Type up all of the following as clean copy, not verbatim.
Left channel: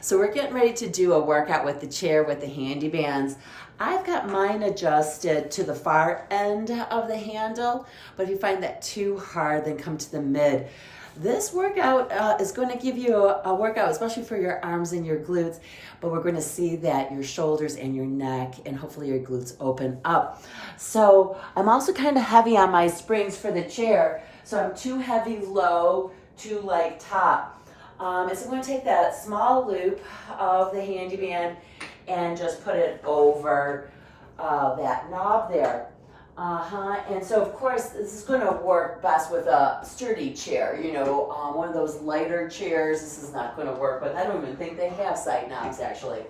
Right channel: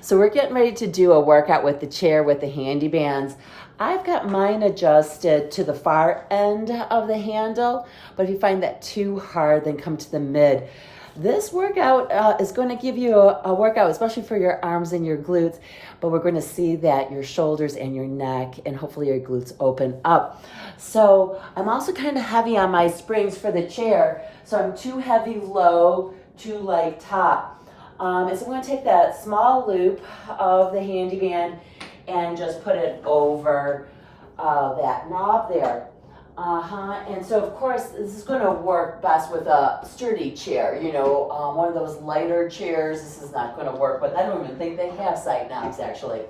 So we're getting ready to do a workout with the chair with the Handibands. I've got mine adjusted to the far end of the handle, but if you find that too hard, then come to the mid. This workout is going to give you a workout, especially for your arms and your glutes, but we're going to see that your shoulders and your neck and hopefully your glutes open up. So I'm also kind of heavy on my springs for the chair, so I'm too heavy low, too light top. So I'm going to take that small loop of the Handiband and just put it over that knob there. And so of course this is going to work best with a sturdy chair, one of those lighter chairs. This is not going to work, but I don't even think they have side knobs actually.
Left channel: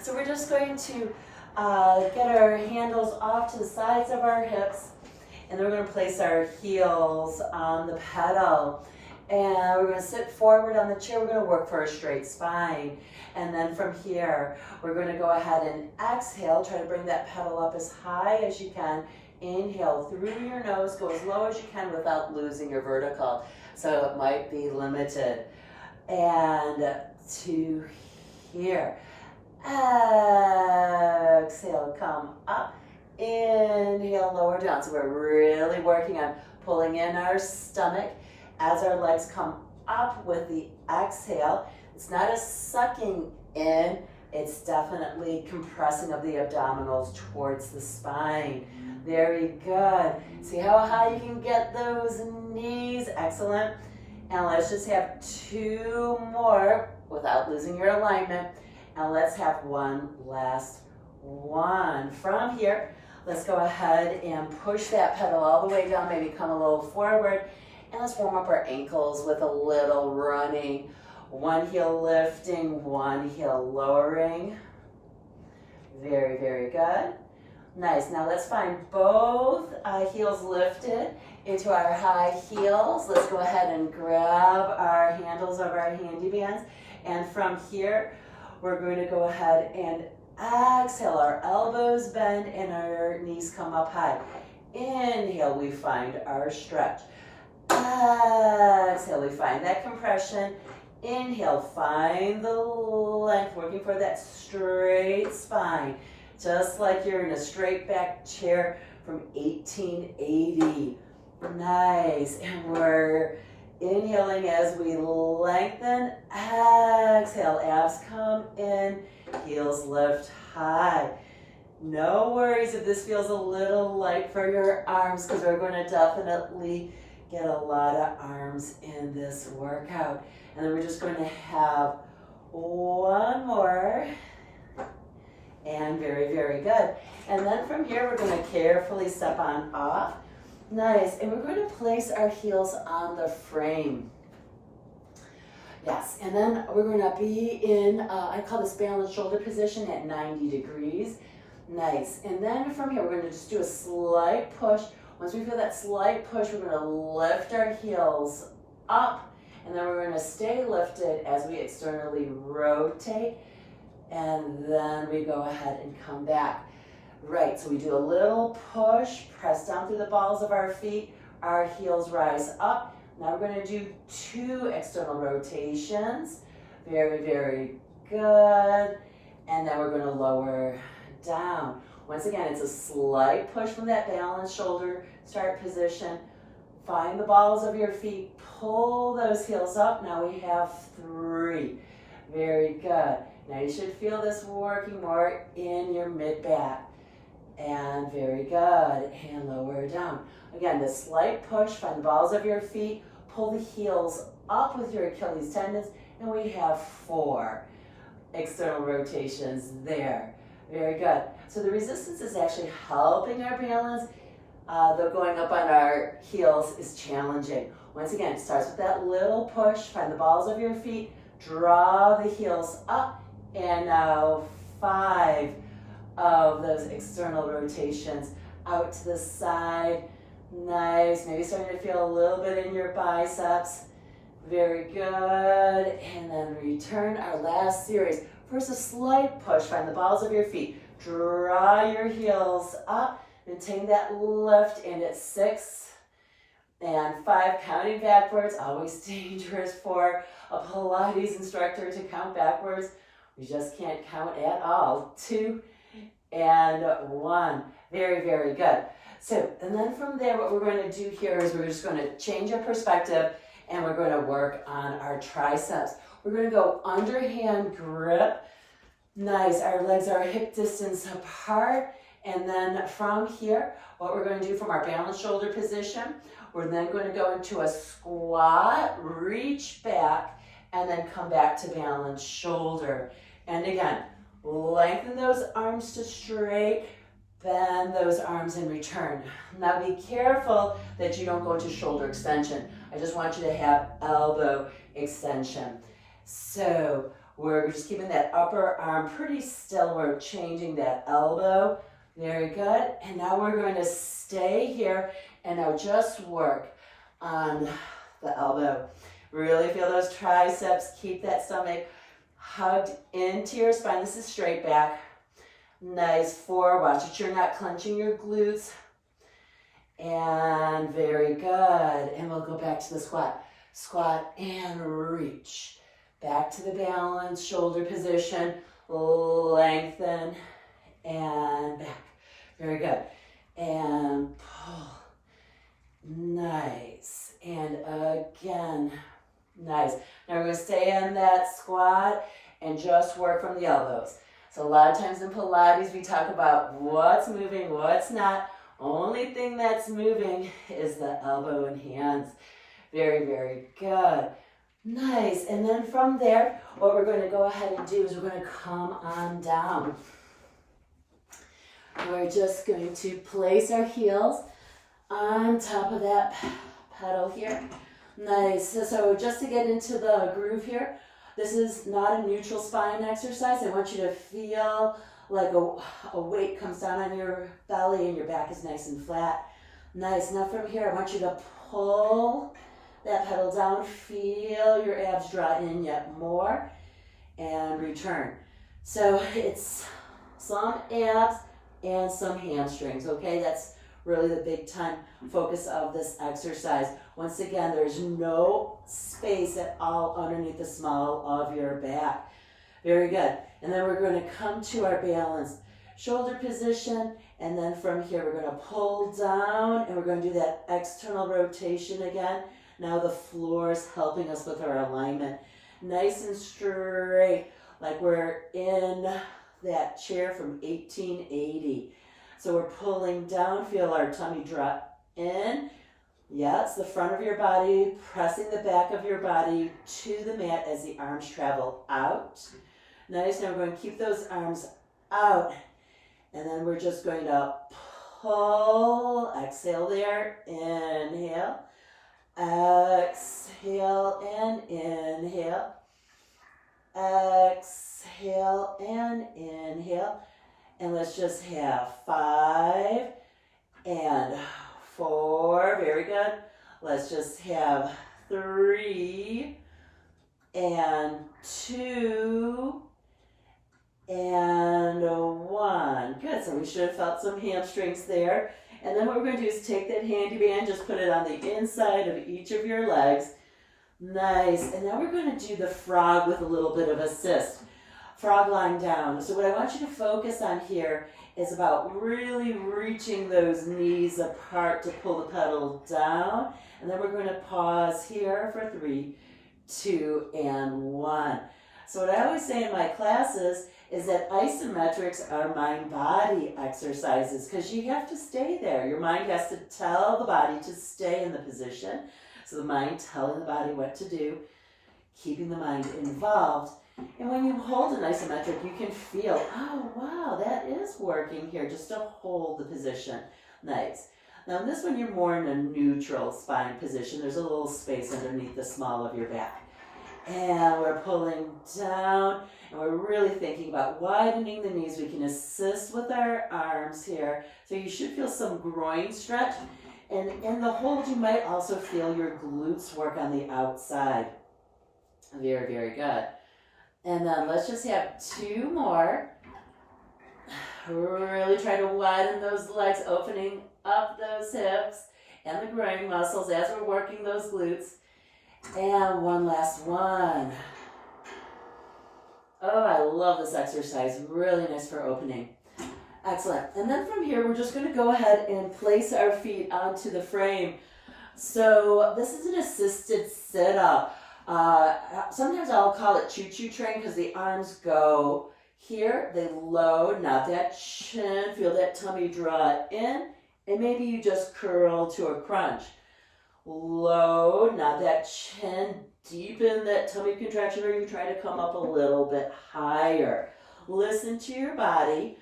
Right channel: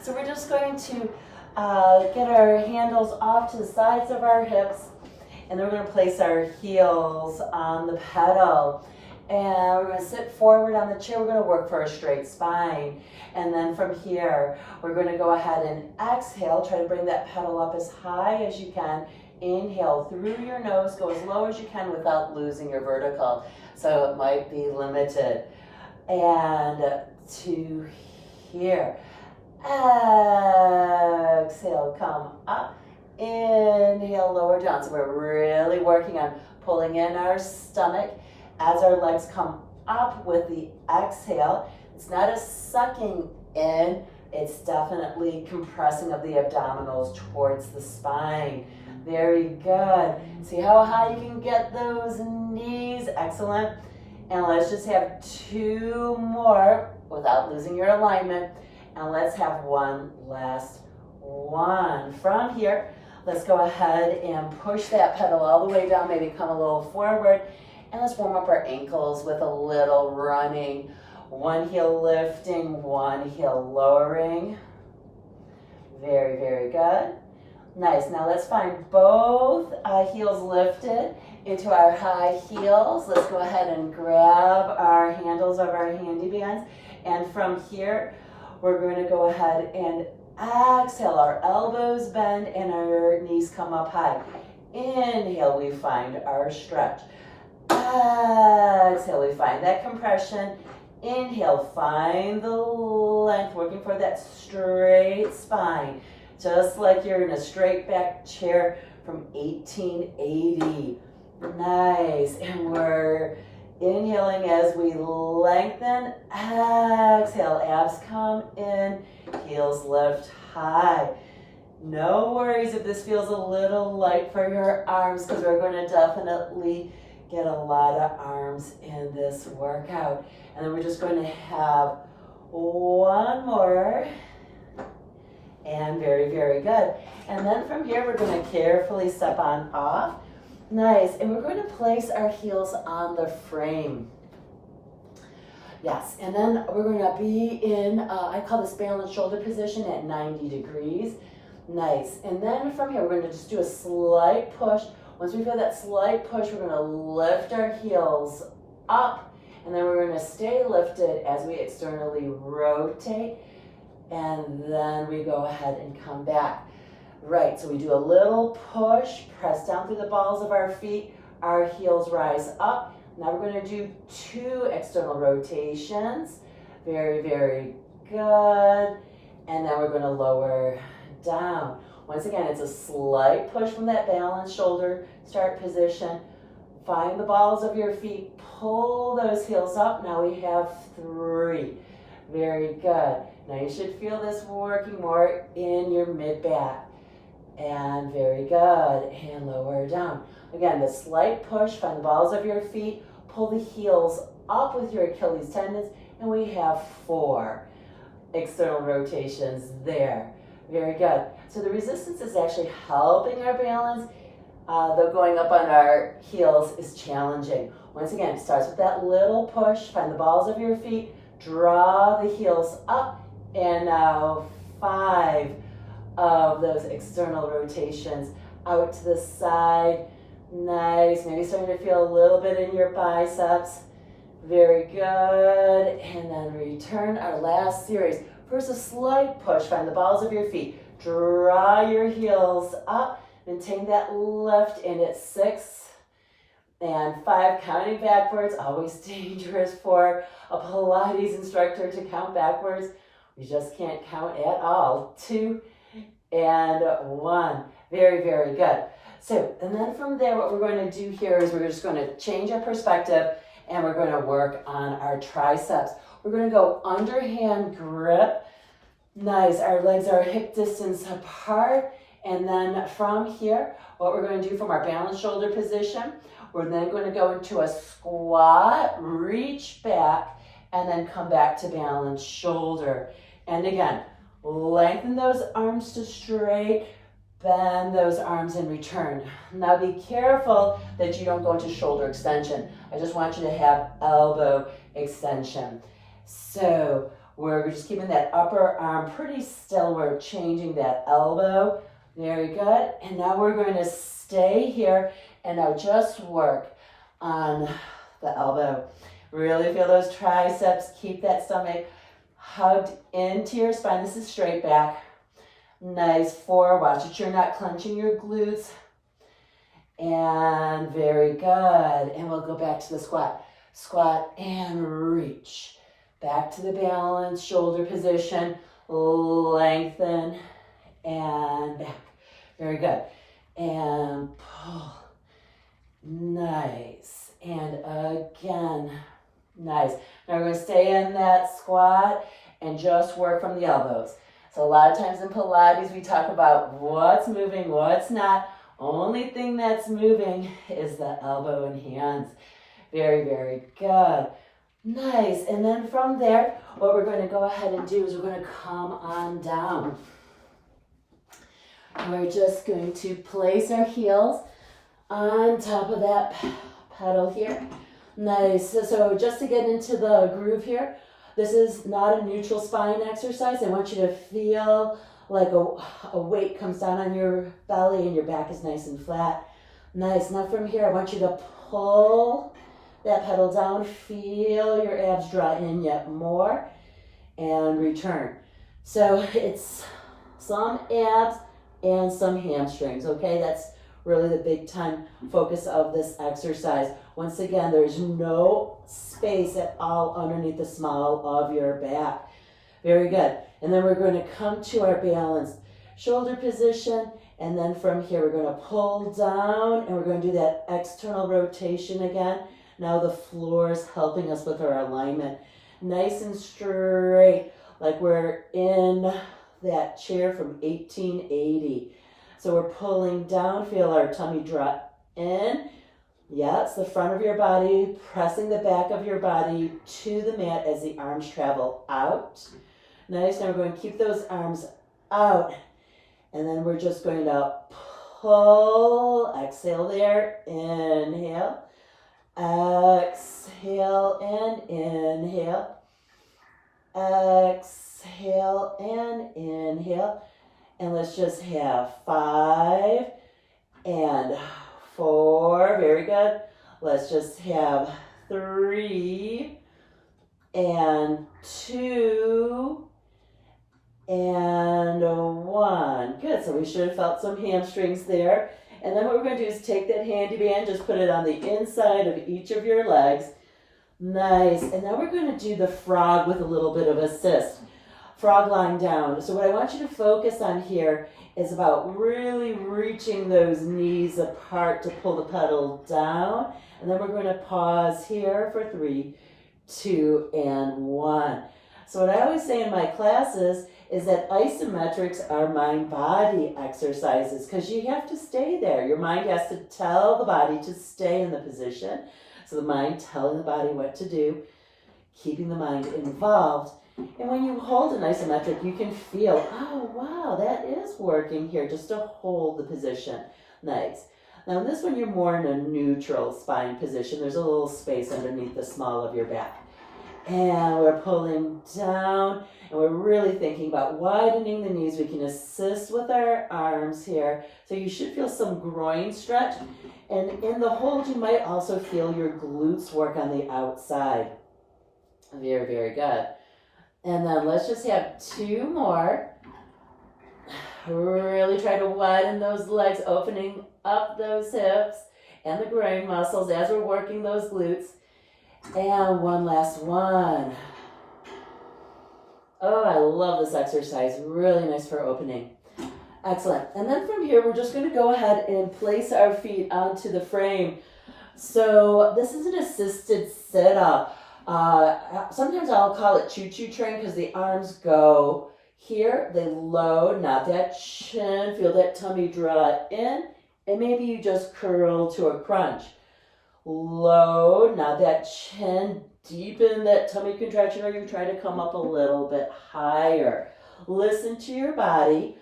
So we're just going to get our handles off to the sides of our hips, and then we're going to place our heels on the pedal. And we're going to sit forward on the chair. We're going to work for a straight spine. And then from here, we're going to go ahead and exhale. Try to bring that pedal up as high as you can. Inhale through your nose. Go as low as you can without losing your vertical. So it might be limited. And to here. Exhale, come up. Inhale, lower down. So we're really working on pulling in our stomach as our legs come up with the exhale. It's not a sucking in, it's definitely compressing of the abdominals towards the spine. Very good. See how high you can get those knees. Excellent. And let's just have two more without losing your alignment. And let's have one last one. From here, let's go ahead and push that pedal all the way down, maybe come a little forward. And let's warm up our ankles with a little running. One heel lifting, one heel lowering. Very, very good. Nice. Now let's find both heels lifted into our high heels. Let's go ahead and grab our handles of our Handibands. And from here, we're going to go ahead and exhale. Our elbows bend and our knees come up high. Inhale, we find our stretch. Exhale, we find that compression. Inhale, find the length, working for that straight spine, just like you're in a straight back chair from 1880. Nice. And we're inhaling as we lengthen. Exhale, abs come in, heels lift high. No worries if this feels a little light for your arms, because we're going to definitely get a lot of arms in this workout. And then we're just going to have one more. And very, very good. And then from here, we're going to carefully step on off. Nice. And we're going to place our heels on the frame. Yes. And then we're going to be in, I call this balanced shoulder position at 90 degrees. Nice. And then from here, we're going to just do a slight push. Once we feel that slight push, we're going to lift our heels up, and then we're going to stay lifted as we externally rotate, and then we go ahead and come back. Right, so we do a little push, press down through the balls of our feet, our heels rise up. Now we're going to do two external rotations. Very, very good. And then we're going to lower down. Once again, it's a slight push from that balanced shoulder start position. Find the balls of your feet, pull those heels up. Now we have three. Very good. Now you should feel this working more in your mid-back. And very good. And lower down. Again, the slight push, find the balls of your feet, pull the heels up with your Achilles tendons, and we have four external rotations there. Very good. So the resistance is actually helping our balance, though going up on our heels is challenging. Once again, it starts with that little push. Find the balls of your feet, draw the heels up, and now 5 of those external rotations out to the side. Nice. Maybe starting to feel a little bit in your biceps. Very good. And then return our last series. First, a slight push. Find the balls of your feet. Draw your heels up. Maintain that lift. And it's 6 and 5. Counting backwards. Always dangerous for a Pilates instructor to count backwards. We just can't count at all. 2 and 1. Very, very good. So, and then from there, what we're going to do here is we're just going to change our perspective and we're going to work on our triceps. We're going to go underhand grip. Nice. Our legs are hip distance apart. And then from here, what we're going to do from our balanced shoulder position, we're then going to go into a squat, reach back, and then come back to balanced shoulder. And again, lengthen those arms to straight, bend those arms in return. Now be careful that you don't go into shoulder extension. I just want you to have elbow extension. So we're just keeping that upper arm pretty still. We're changing that elbow. Very good. And now we're going to stay here and now just work on the elbow. Really feel those triceps. Keep that stomach hugged into your spine. This is straight back. Nice. Forward. Watch it. You're not clenching your glutes. And very good. And we'll go back to the squat. Squat and reach. Back to the balance. Shoulder position. Lengthen. And back. Very good. And pull. Nice. And again. Nice. Now we're going to stay in that squat and just work from the elbows. So a lot of times in Pilates we talk about what's moving, what's not. Only thing that's moving is the elbow and hands. Very, very good. Nice. And then from there, what we're going to go ahead and do is we're going to come on down. We're just going to place our heels on top of that pedal here. Nice. So just to get into the groove here, this is not a neutral spine exercise. I want you to feel like a weight comes down on your belly and your back is nice and flat. Nice. Now from here, I want you to pull that pedal down. Feel your abs draw in yet more and return. So it's some abs and some hamstrings, okay? That's really the big time focus of this exercise. Once again, there's no space at all underneath the small of your back. Very good. And then we're going to come to our balanced shoulder position. And then from here, we're going to pull down and we're going to do that external rotation again. Now the floor is helping us with our alignment. Nice and straight, like we're in that chair from 1880. So we're pulling down, feel our tummy drop in. Yeah, it's the front of your body, pressing the back of your body to the mat as the arms travel out. Nice, now we're going to keep those arms out. And then we're just going to pull, exhale there, inhale. Exhale and inhale. Exhale and inhale. And let's just have 5 and 4. Very good. Let's just have 3 and 2 and 1. Good. So we should have felt some hamstrings there. And then what we're going to do is take that handy band, just put it on the inside of each of your legs. Nice. And now we're going to do the frog with a little bit of assist. Frog lying down. So what I want you to focus on here is about really reaching those knees apart to pull the pedal down. And then we're going to pause here for 3, 2, and 1. So what I always say in my classes is that isometrics are mind-body exercises because you have to stay there. Your mind has to tell the body to stay in the position. So the mind telling the body what to do, keeping the mind involved. And when you hold an isometric, you can feel, oh, wow, that is working here just to hold the position. Nice. Now in this one, you're more in a neutral spine position. There's a little space underneath the small of your back. And we're pulling down, and we're really thinking about widening the knees. We can assist with our arms here. So you should feel some groin stretch. And in the hold, you might also feel your glutes work on the outside. Very, very good. And then let's just have 2 more. Really try to widen those legs, opening up those hips and the groin muscles as we're working those glutes. And one last one. Oh, I love this exercise. Really nice for opening. Excellent. And then from here, we're just going to go ahead and place our feet onto the frame. So this is an assisted sit-up. Sometimes I'll call it choo-choo train because the arms go here. They load, not that chin. Feel that tummy draw in. And maybe you just curl to a crunch. Load, not that chin. Deepen that tummy contraction, or you try to come up a little bit higher. Listen to your body.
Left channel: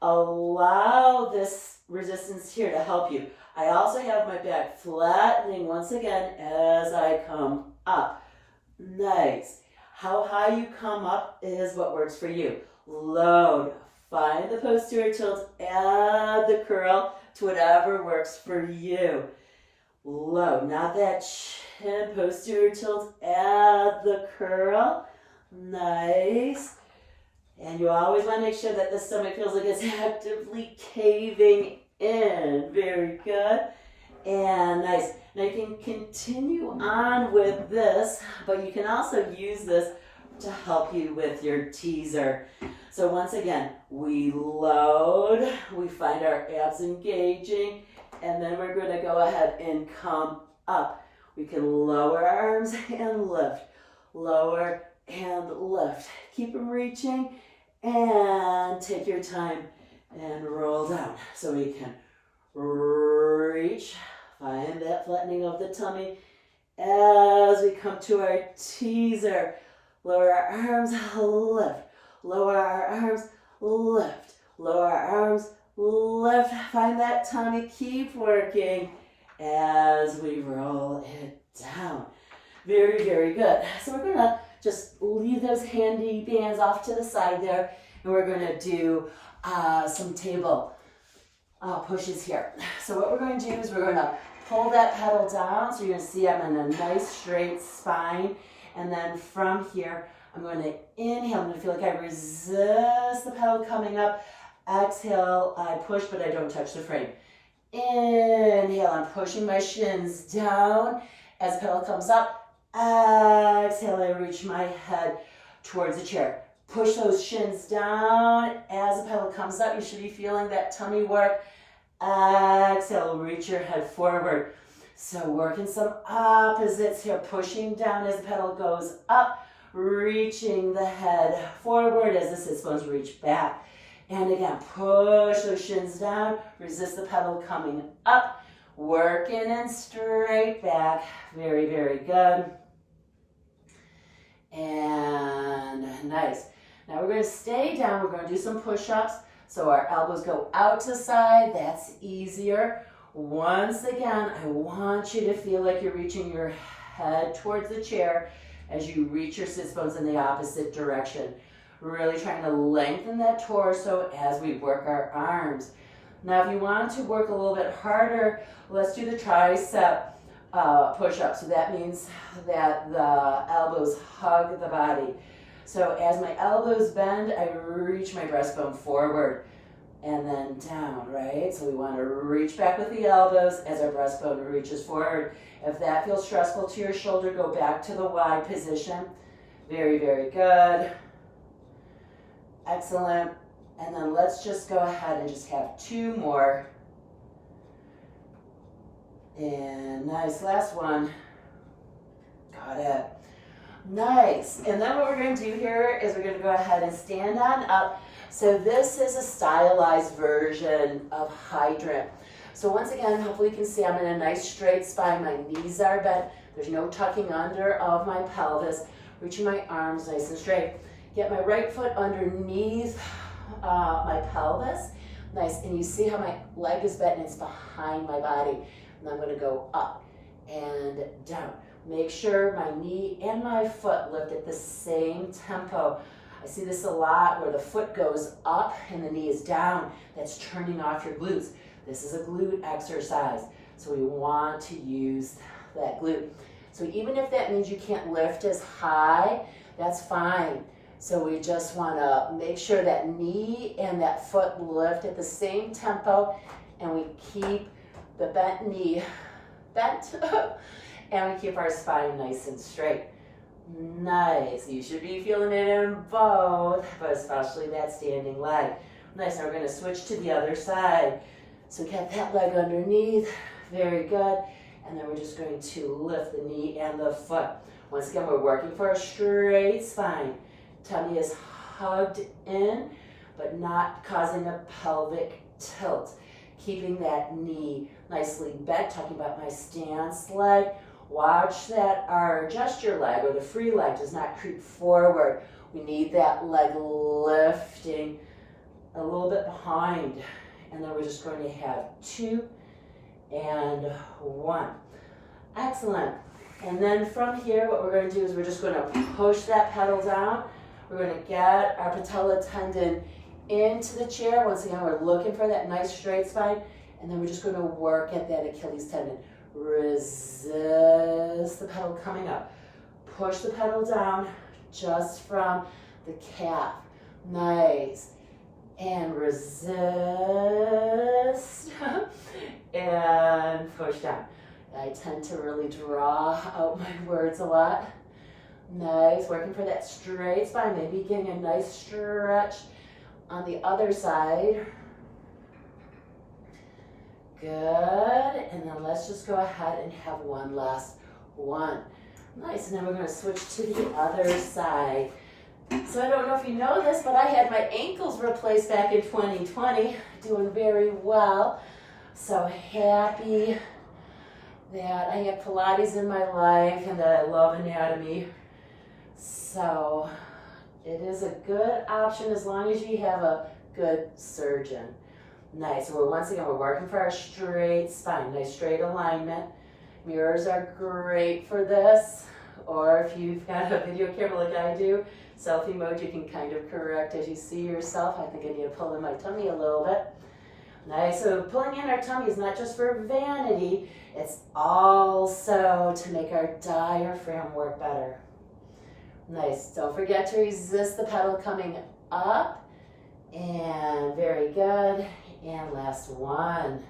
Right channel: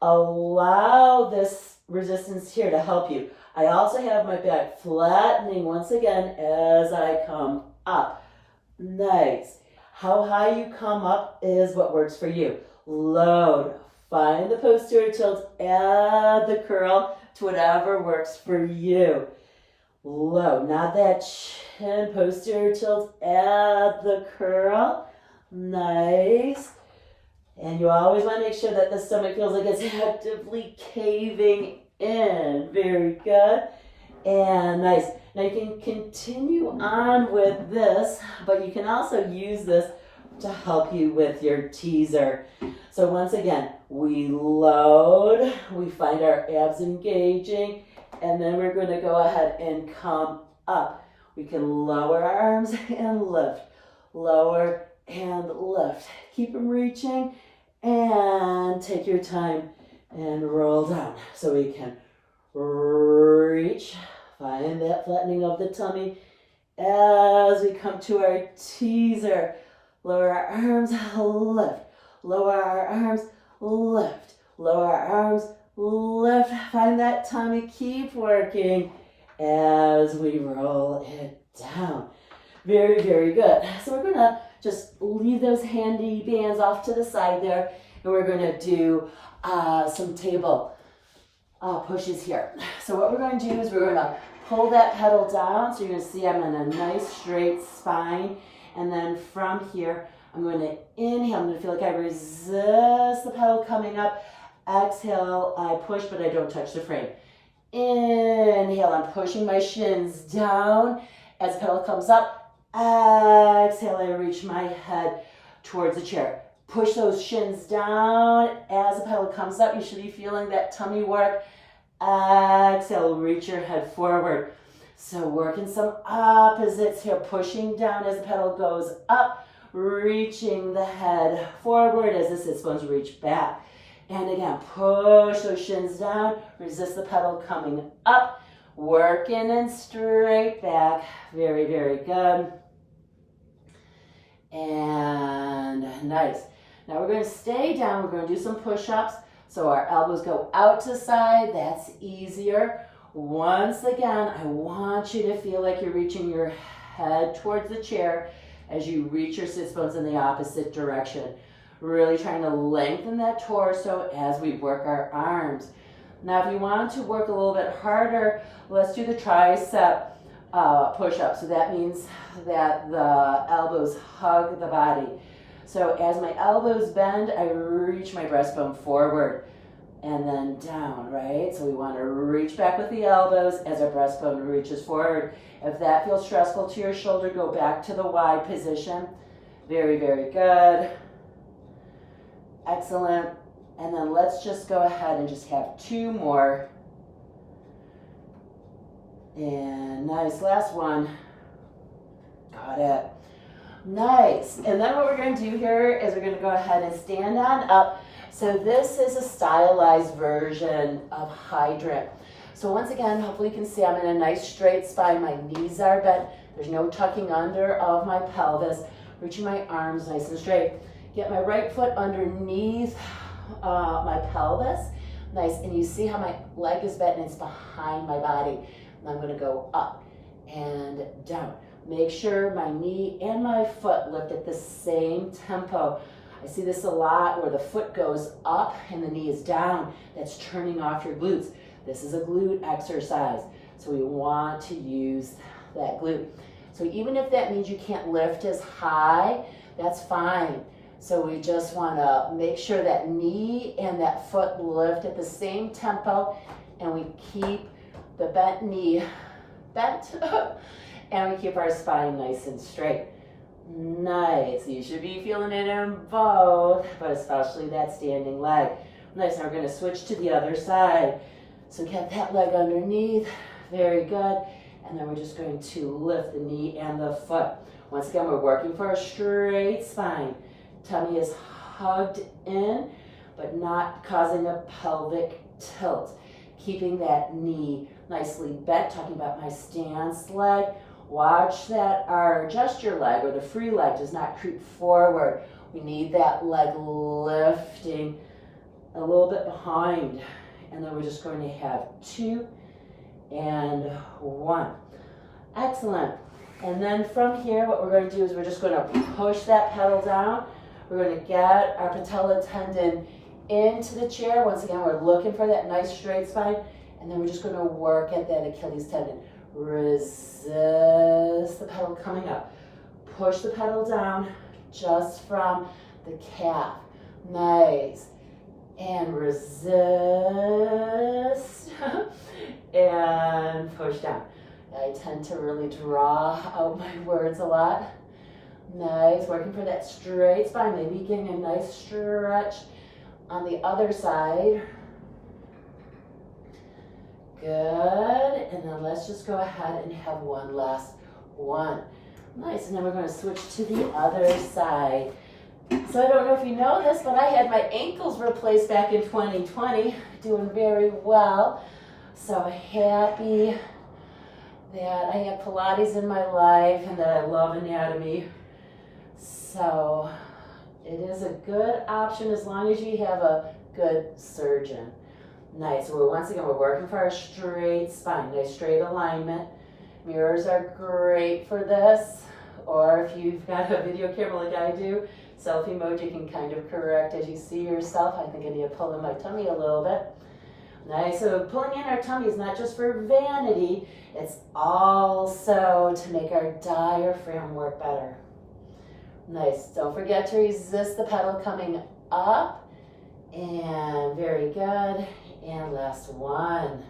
Allow this resistance here to help you. I also have my back flattening once again as I come up. Nice. How high you come up is what works for you. Load. Find the posterior tilt. Add the curl to whatever works for you. Low, not that chin, posterior tilt, add the curl. Nice. And you always want to make sure that the stomach feels like it's actively caving in. Very good. And nice. Now you can continue on with this, but you can also use this to help you with your teaser. So once again, we load, we find our abs engaging, and then we're going to go ahead and come up. We can lower our arms and lift. Lower and lift. Keep them reaching and take your time and roll down. So we can reach, find that flattening of the tummy as we come to our teaser. Lower our arms, lift. Lower our arms, lift. Lower our arms, lift. Find that tummy. Keep working as we roll it down. Very, very good. So we're going to just leave those handy bands off to the side there, and we're going to do some table pushes here. So what we're going to do is we're going to pull that pedal down. So you're going to see I'm in a nice straight spine. And then from here, I'm going to inhale. I'm going to feel like I resist the pedal coming up. Exhale, I push, but I don't touch the frame. Inhale, I'm pushing my shins down. As the pedal comes up, exhale, I reach my head towards the chair. Push those shins down. As the pedal comes up, you should be feeling that tummy work. Exhale, reach your head forward. So working some opposites here, pushing down as the pedal goes up, reaching the head forward as the sits bones reach back. And again, push those shins down, resist the pedal coming up, working and straight back. Very, very good. And nice. Now we're going to stay down. We're going to do some push-ups. So our elbows go out to side. That's easier. Once again, I want you to feel like you're reaching your head towards the chair as you reach your sits bones in the opposite direction. Really trying to lengthen that torso as we work our arms. Now, if you want to work a little bit harder, let's do the tricep push-up. So that means that the elbows hug the body. So as my elbows bend, I reach my breastbone forward and then down, right? So we want to reach back with the elbows as our breastbone reaches forward. If that feels stressful to your shoulder, go back to the wide position. Very, very good. Excellent. And then let's just go ahead and just have two more. And nice, last one. Got it. Nice. And then what we're going to do here is we're going to go ahead and stand on up. So this is a stylized version of hydrant. So once again, hopefully you can see I'm in a nice straight spine. My knees are bent. There's no tucking under of my pelvis. Reaching my arms nice and straight. Get my right foot underneath my pelvis. Nice. And you see how my leg is bent and it's behind my body. And I'm going to go up and down. Make sure my knee and my foot lift at the same tempo. I see this a lot where the foot goes up and the knee is down. That's turning off your glutes. This is a glute exercise. So we want to use that glute. So even if that means you can't lift as high, that's fine. So we just want to make sure that knee and that foot lift at the same tempo, and we keep the bent knee bent, and we keep our spine nice and straight. Nice. You should be feeling it in both, but especially that standing leg. Nice. Now we're going to switch to the other side. So get that leg underneath. Very good. And then we're just going to lift the knee and the foot. Once again, we're working for a straight spine. Tummy is hugged in, but not causing a pelvic tilt. Keeping that knee nicely bent. Talking about my stance leg. Watch that our gesture leg or the free leg does not creep forward. We need that leg lifting a little bit behind. And then we're just going to have 2 and 1. Excellent. And then from here, what we're going to do is we're just going to push that pedal down. We're going to get our patella tendon into the chair. Once again, we're looking for that nice straight spine. And then we're just going to work at that Achilles tendon. Resist the pedal coming up. Push the pedal down just from the calf. Nice. And resist. And push down. I tend to really draw out my words a lot. Nice. Working for that straight spine. Maybe getting a nice stretch on the other side. Good, and then let's just go ahead and have one last one. Nice, and then we're going to switch to the other side. So I don't know if you know this, but I had my ankles replaced back in 2020, doing very well. So happy that I have Pilates in my life and that I love anatomy. So it is a good option as long as you have a good surgeon. Nice. So once again, we're working for our straight spine. Nice straight alignment. Mirrors are great for this. Or if you've got a video camera like I do, selfie mode, you can kind of correct as you see yourself. I think I need to pull in my tummy a little bit. Nice. So pulling in our tummy is not just for vanity. It's also to make our diaphragm work better. Nice. Don't forget to resist the pedal coming up. And very good. And last one.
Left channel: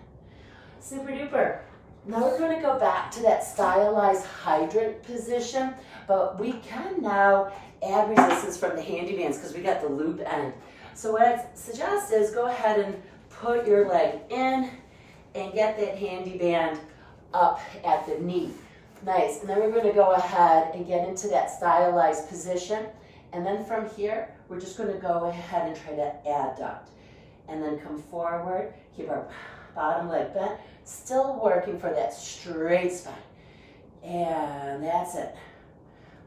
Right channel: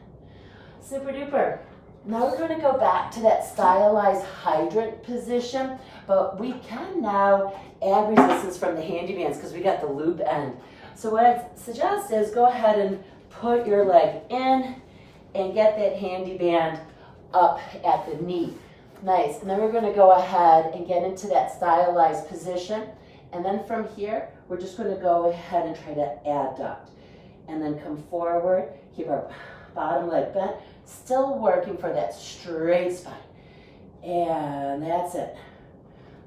Super duper. Now we're going to go back to that stylized hydrant position, but we can now add resistance from the Handibands because we got the loop end. So what I suggest is go ahead and put your leg in and get that Handiband up at the knee. Nice. And then we're going to go ahead and get into that stylized position. And then from here, we're just going to go ahead and try to adduct. And then come forward, keep our bottom leg bent, still working for that straight spine. And that's it.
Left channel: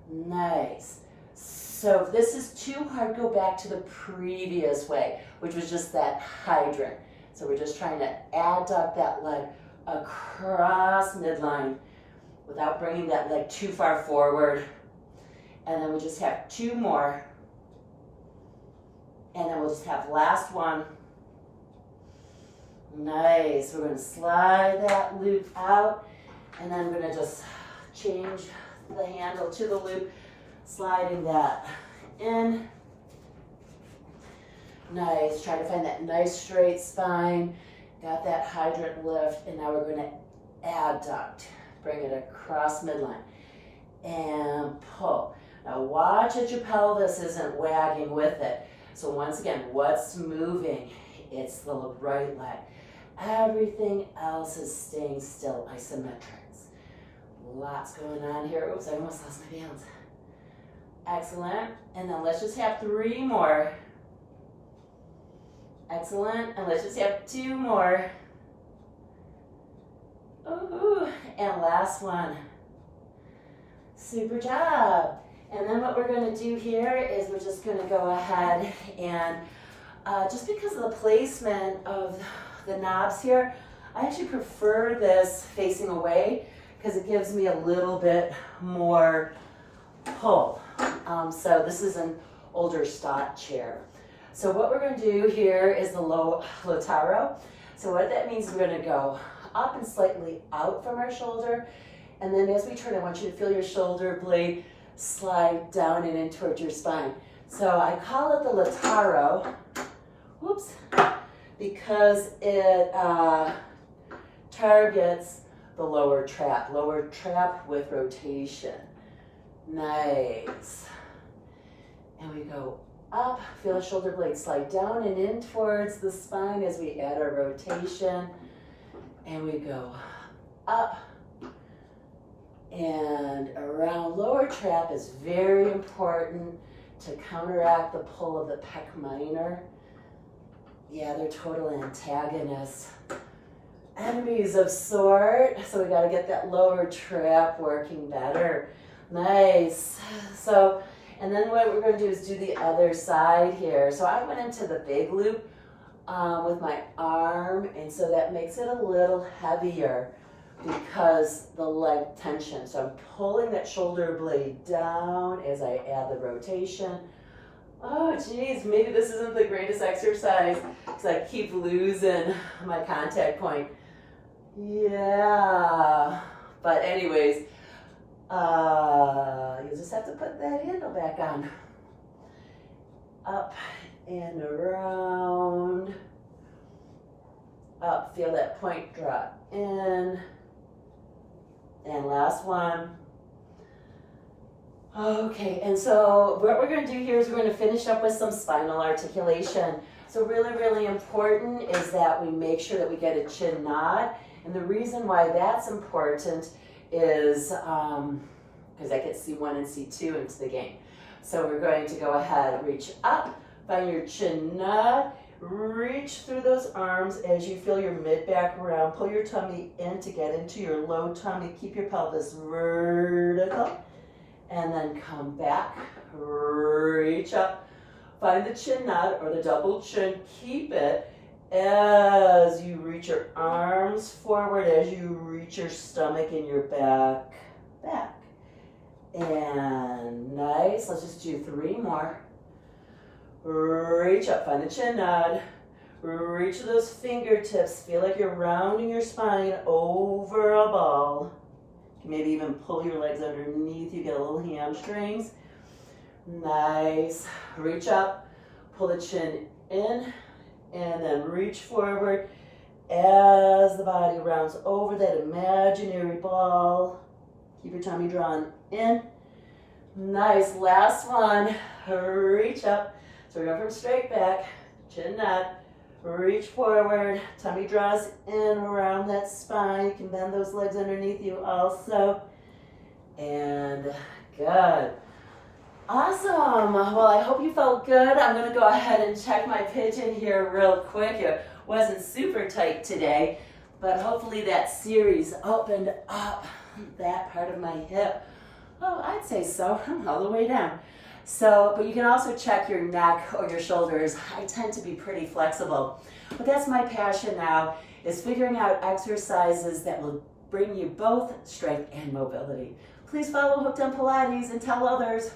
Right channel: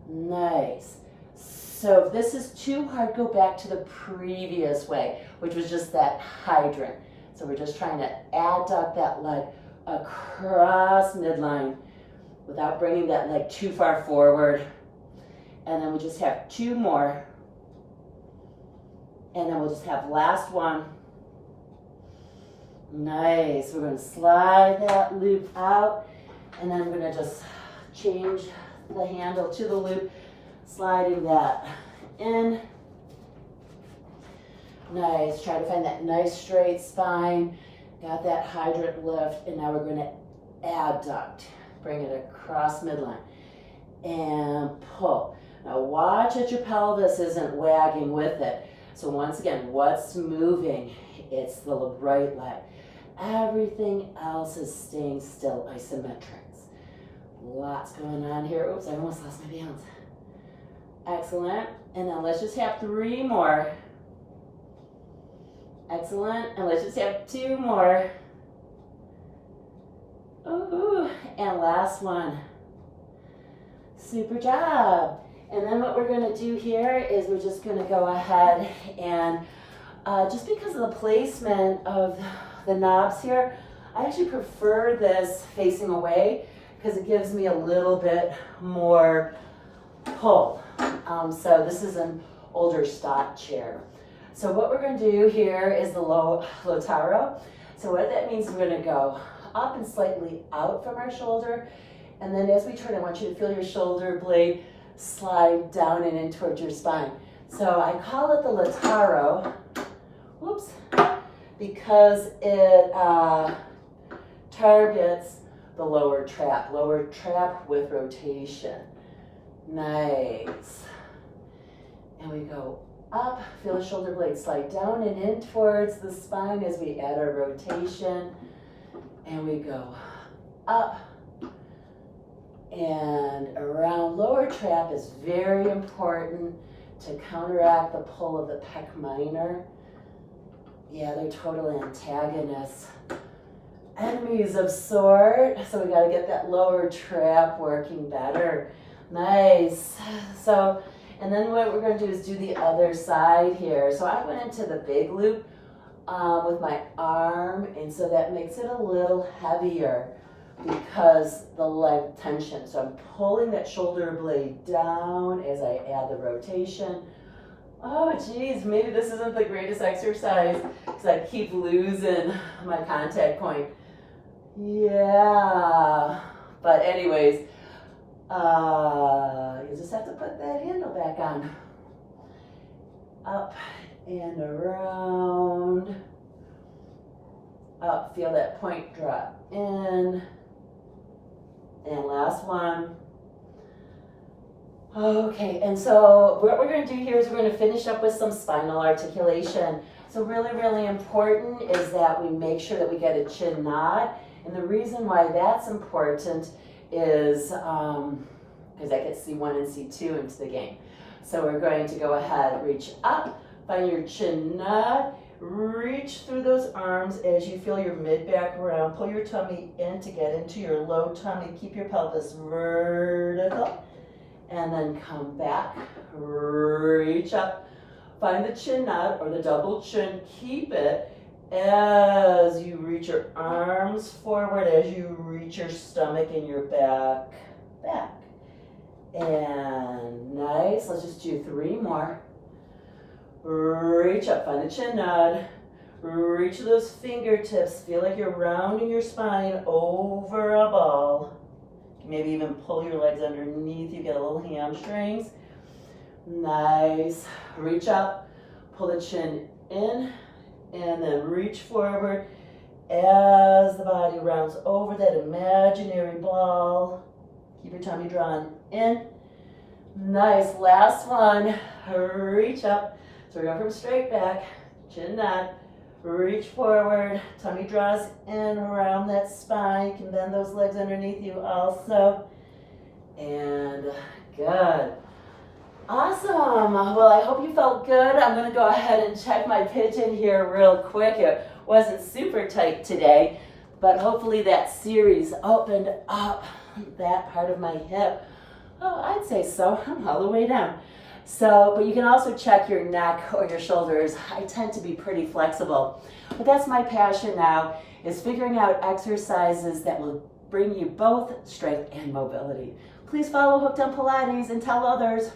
Nice. So if this is too hard, go back to the previous way, which was just that hydrant. So we're just trying to adduct that leg across midline without bringing that leg too far forward. And then we'll just have 2 more. And then we'll just have last one. Nice. We're going to slide that loop out, and then we're going to just change the handle to the loop, sliding that in. Nice. Try to find that nice straight spine. Got that hydrant lift, and now we're going to adduct. Bring it across midline and pull. Now watch that your pelvis isn't wagging with it. So once again, what's moving? It's the right leg. Everything else is staying still, isometrics. Lots going on here. Oops, I almost lost my balance. Excellent. And then let's just have 3 more. Excellent. And let's just have 2 more. Ooh, and last one. Super job. And then what we're going to do here is we're just going to go ahead and just because of the placement of the knobs here, I actually prefer this facing away because it gives me a little bit more pull. So this is an older stock chair. So what we're going to do here is the Lotaro. So what that means is we're going to go up and slightly out from our shoulder. And then as we turn, I want you to feel your shoulder blade slide down and in towards your spine. So I call it the Lotaro, whoops, because it targets the lower trap with rotation. Nice. And we go up, feel the shoulder blades slide down and in towards the spine as we add our rotation. And we go up and around. Lower trap is very important to counteract the pull of the pec minor. Yeah, they're total antagonists. Enemies of sort. So we got to get that lower trap working better. Nice. So, and then what we're going to do is do the other side here. So I went into the big loop with my arm, and so that makes it a little heavier because the leg tension. So I'm pulling that shoulder blade down as I add the rotation. Oh geez, maybe this isn't the greatest exercise because I keep losing my contact point. Yeah, but anyways, you just have to put that handle back on. Up and around. Up, feel that point drop in. And last one. Okay, and so what we're going to do here is we're going to finish up with some spinal articulation. So really, really important is that we make sure that we get a chin nod. And the reason why that's important is because I get C1 and C2 into the game. So we're going to go ahead, reach up, find your chin nod, reach through those arms as you feel your mid-back round. Pull your tummy in to get into your low tummy. Keep your pelvis vertical. And then come back, reach up, find the chin nod or the double chin. Keep it as you reach your arms forward, as you reach your stomach and your back. And nice, let's just do 3 more. Reach up, find the chin nod, reach those fingertips, feel like you're rounding your spine over a ball. Maybe even pull your legs underneath you, get a little hamstrings. Nice, reach up, pull the chin in, and then reach forward as the body rounds over that imaginary ball. Keep your tummy drawn in. Nice, last one, reach up. So we're going from straight back, chin nod, reach forward, tummy draws in around that spine. You can bend those legs underneath you also. And good. Awesome. Well, I hope you felt good. I'm going to go ahead and check my pigeon here real quick. It wasn't super tight today, but hopefully that series opened up that part of my hip. Oh, I'd say so. I'm all the way down. So, but you can also check your neck or your shoulders. I tend to be pretty flexible. But that's my passion now, is figuring out exercises that will bring you both strength and mobility. Please follow Hooked on Pilates and tell others.